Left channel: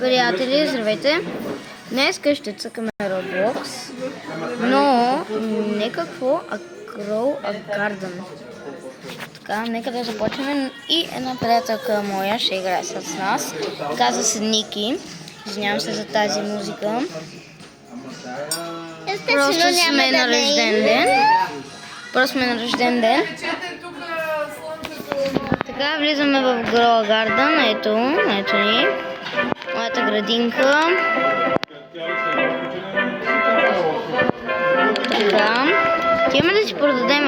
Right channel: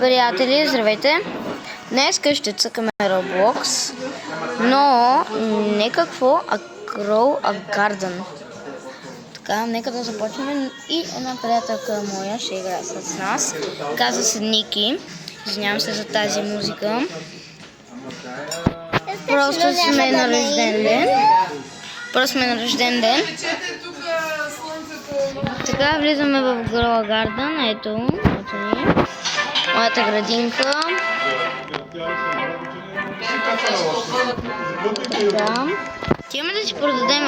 Приятели, здравейте! Днес ще цъкаме Roblox, но не какво, а Grow a Garden. Така, нека да започнем. И една приятелка моя ще играе с нас. Казва се Ники. Извинявам се за тази музика. Просто сме на рожден ден. Така, влизаме в Grow a Garden. Ето ни. Моята градинка. Така. Тимаме да си продадем...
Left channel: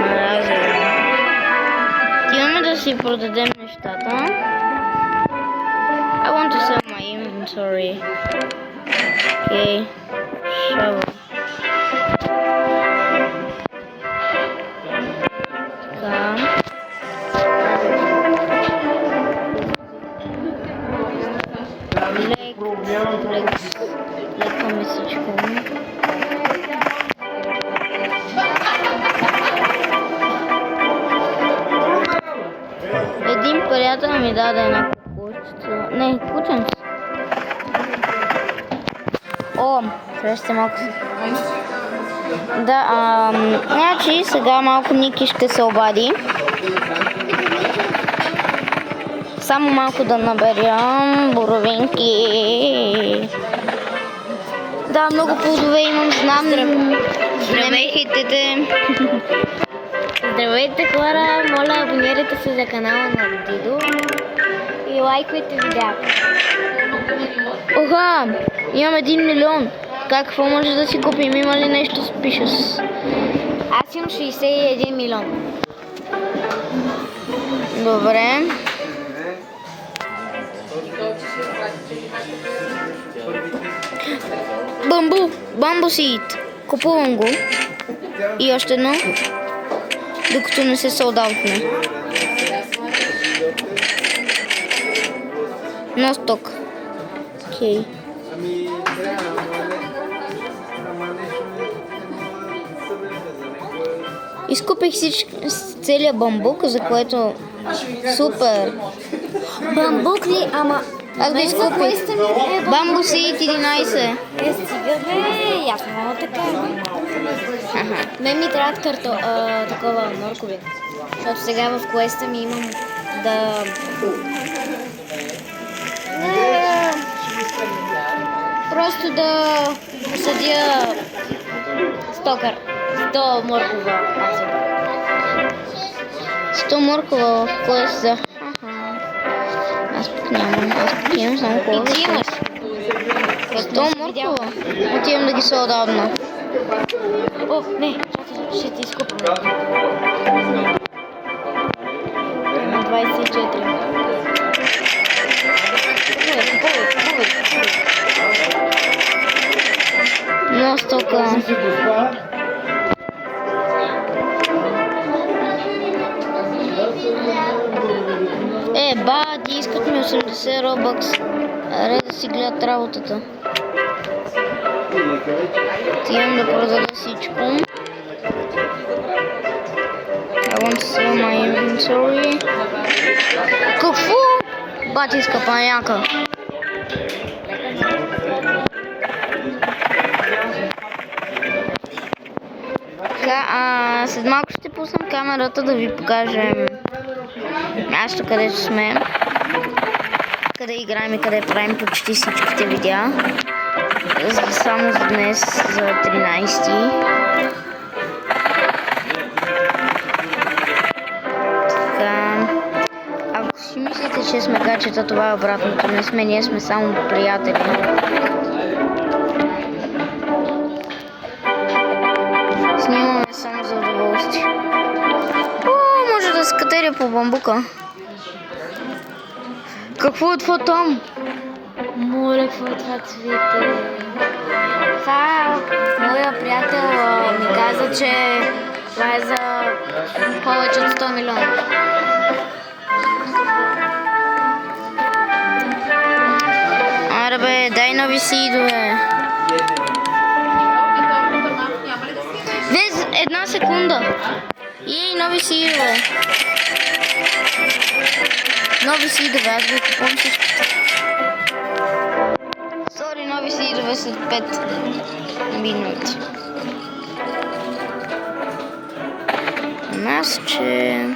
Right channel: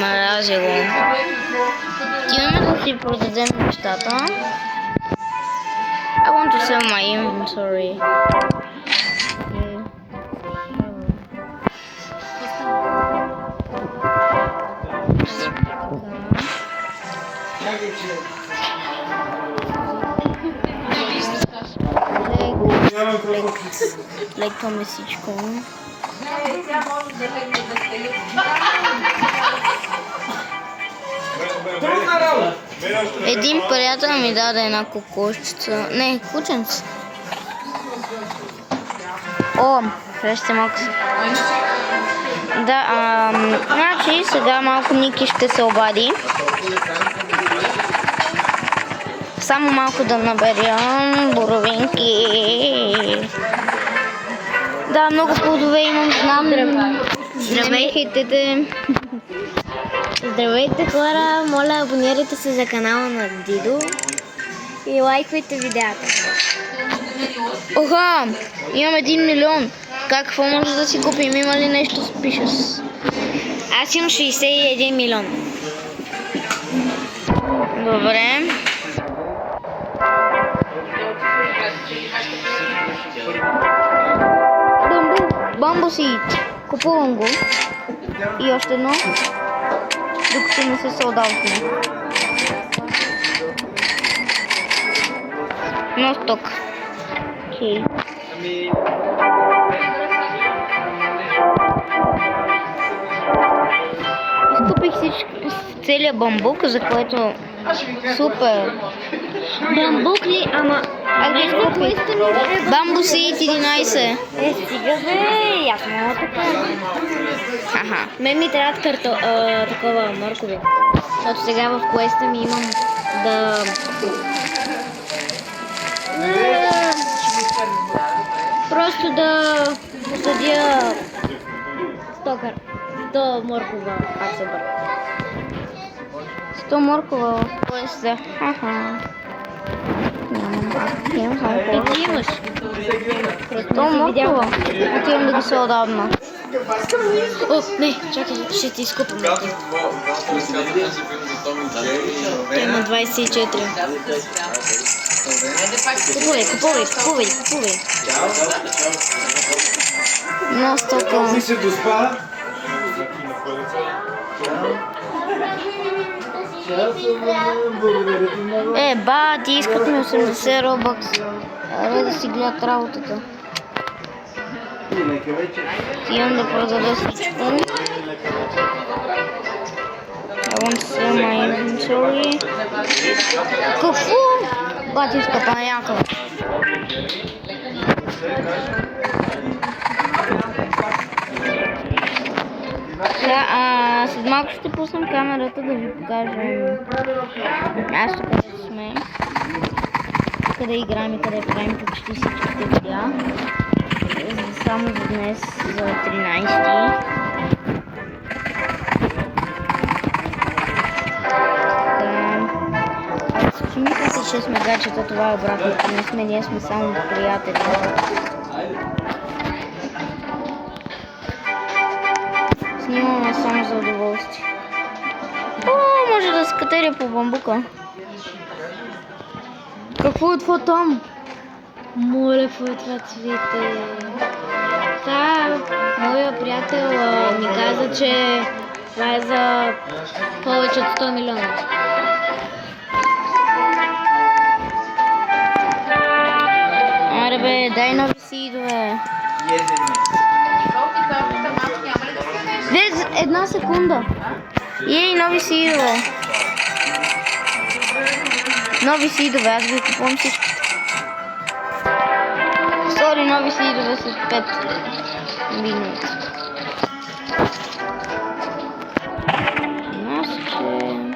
мрази го. Тимаме да си продадем нещата. I want to sell my inventory. Okay. Shovel. Така. Леко месичко. Един приятел ми даде една кокошчица. Не, кученце. О, ще малко се. Да, значи сега малко Ники ще се обади. Само малко да наберям боровинки. Да, много плодове имам, знам. Не ме хейтете. Здравейте хора, моля абонирайте се за канала на Дидо и лайкайте видеото. Оха, имам 1 милион. Какво може да си купим? Има ли нещо с пишес? Аз имам 61 милиона. Добре. Бамбу сид. Купувам го. И още едно. Докато не се солдаутне. Но сток. Окей. Изкупих целия бамбук, за което супер. Бамбук ли? Ама... Аз го изкупих. Бамбу сид 11. Стигаме, ясно така. Мен ми трябват такова моркови. Защото сега в квеста ми имам да... Просто да посадя 100 моркова. 100 моркова в квеста. Аз пък нямам. Имам само колко. И ти имаш. 100 моркова. Отивам да ги солдавна. О, не, чакай, ще ти изкупам. Има 24. Купувай. Но стока. Ти искат ми 80 робъкс. Аре да си гледат работата. Имам да продада всичко. I want to sell my inventory. Какво? Батиска паняка. След малко ще пуснем камерата да ви покажем място, където сме. Къде играем и къде правим почти всичките видеа. Само за днес, за 13-ти. Ако си мислите, че сме гачета, това е обратното. Не сме, ние сме само приятели. Снимаме само за удоволствие. Може да се катеря по бамбука. Какво е това там? Моля, какво е това цвете? Това моя приятел ми каза, че това е за повече от 100 милиона. Аре бе, дай нови сидове. Една секунда. Ей, нови сидове. Нови сидове, аз ги купувам всички. нови сидове след 5 минути. Масче.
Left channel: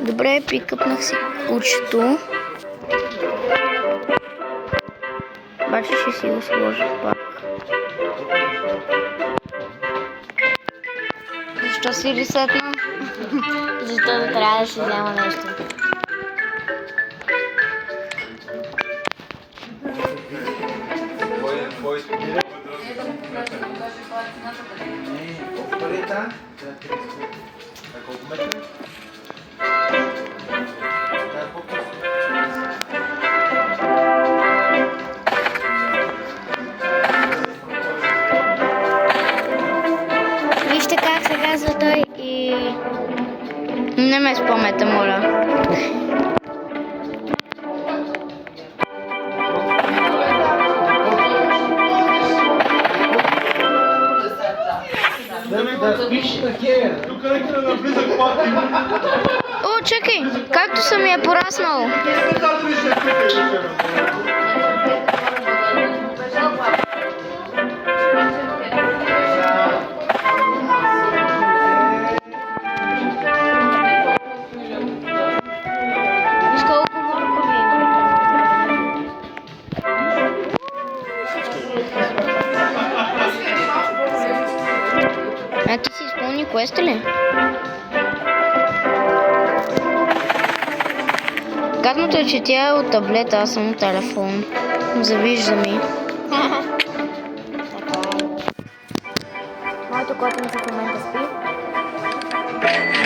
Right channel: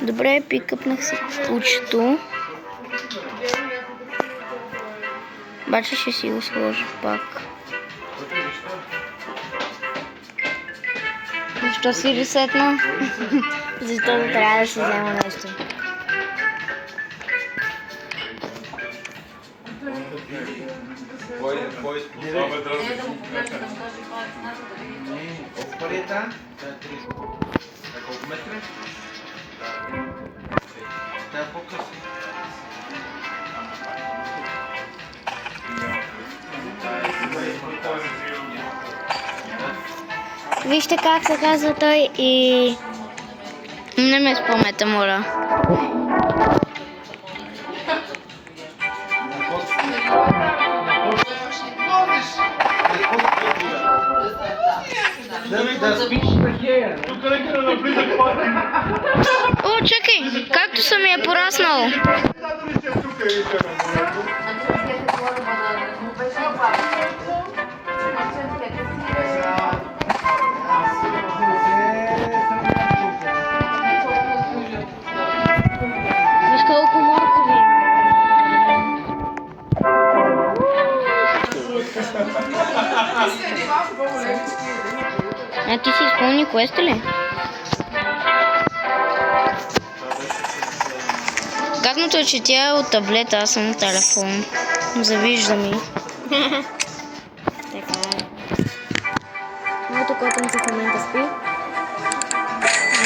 Добре, прикъпнах си кучето. Обаче ще си го сложа пак. Защо си ресетна? Защото трябва да си взема нещо. Вижте как се казва той и... Не ме спомнете, моля. О, чакай, както съм я пораснал. Виж колко моркови има. А ти си изпълни квеста ли? Гадното е, че тя е от таблета, аз съм от телефон. Завижда ми. Моето котенце в момента спи.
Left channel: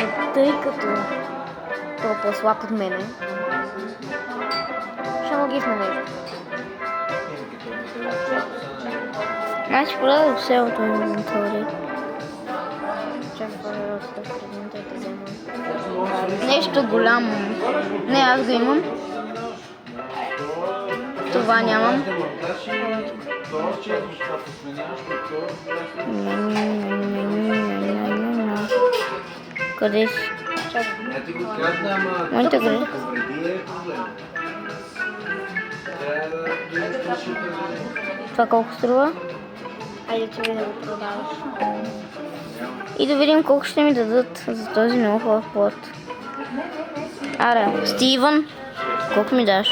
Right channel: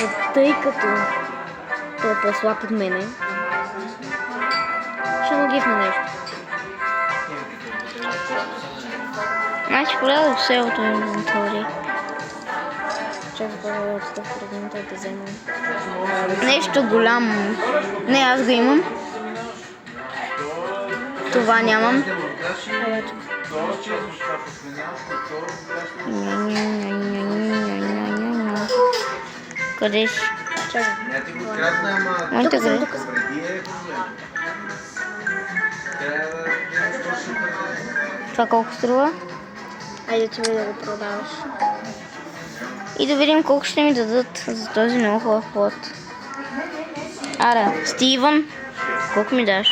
Но тъй като той е по-слаб от мене, ще му гифна нещо. Значи продадох селото инвентори. Чакай да продадох 100 фрагмента да взема. Нещо голямо. Не, аз го имам. Това нямам. Къде си? Моите къде? Това колко струва? Айде ти да го продаваш. И да видим колко ще ми дадат за този много хубав плод. Аре, Стивън, колко ми даш?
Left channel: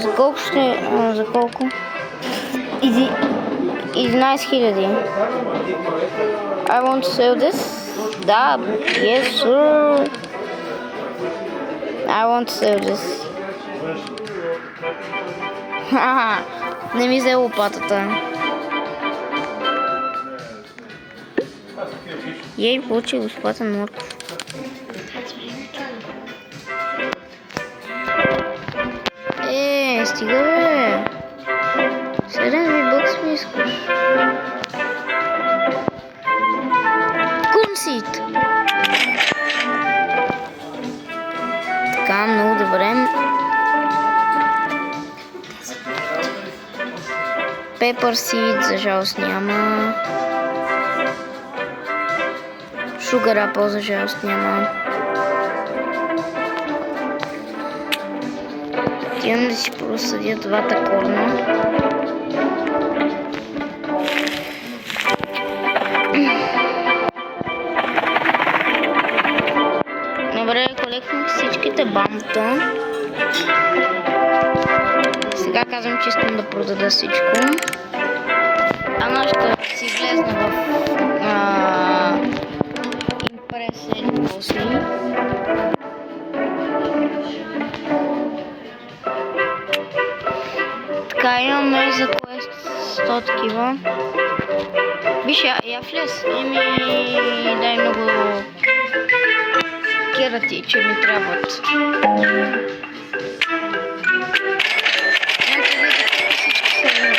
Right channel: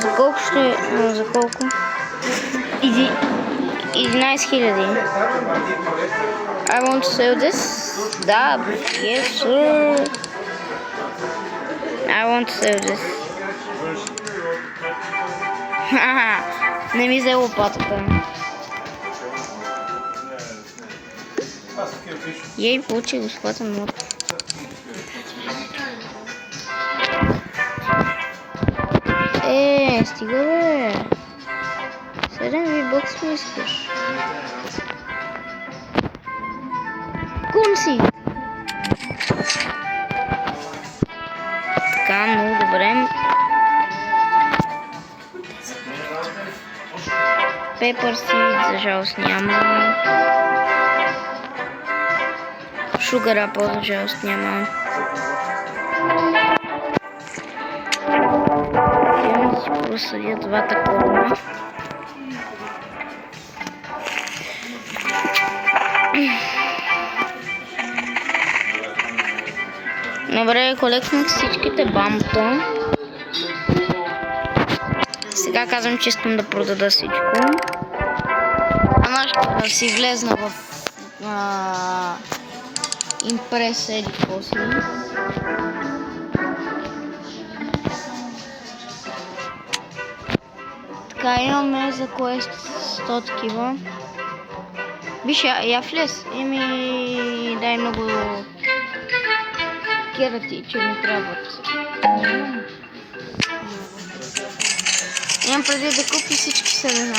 За колко ще... за колко? 11 000. I want to sell this. Да, yes sir. I want to sell this. Хаха, не ми взе лопатата. Ей, получи безплатен мод. Стига бе. 7 бокс ми искаш. Кунсит. Така, много добре. Pepper Seed, за жалост няма. Sugar Apple, за жалост няма. Отивам да си просъдя двата корма. Добре, колекснах всичките бамта. Сега казвам, че искам да продада всичко. Ама ще си влезна в импрес или после. Така, имаме за квест 100 такива. Виж, я влез. Дай много керати, че ми трябват. Имам преди да купи всички семена.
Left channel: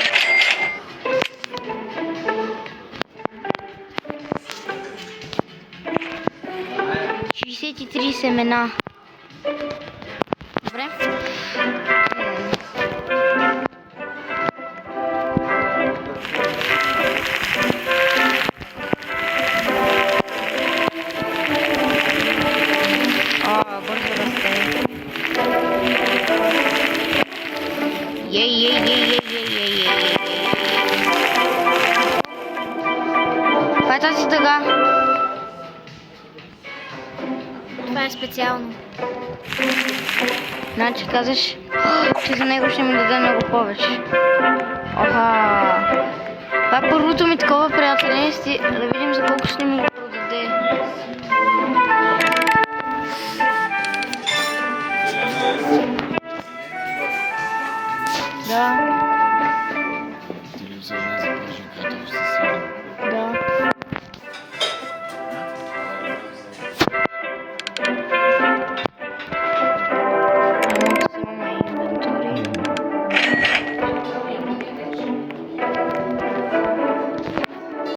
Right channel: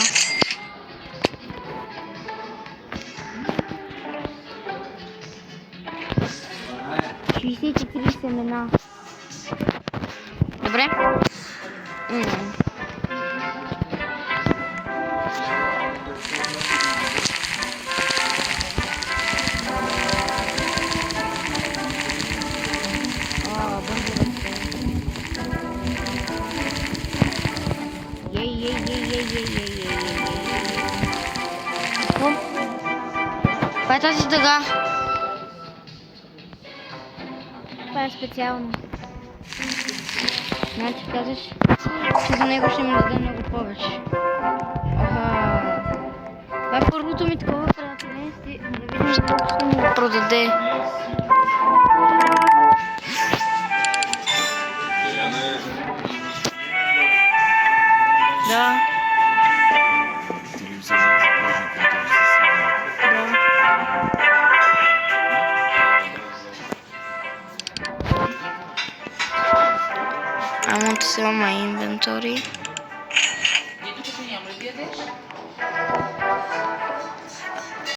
53 семена. Добре. Бързо расте. Ей. Това е тази дъга. Това е специално. Значи казаш, че за него ще ми даде много повече. Оха. Това е първото ми такова приятеление. Да видим за колко ще ми го продаде. Да. Да. I want to sell my inventory.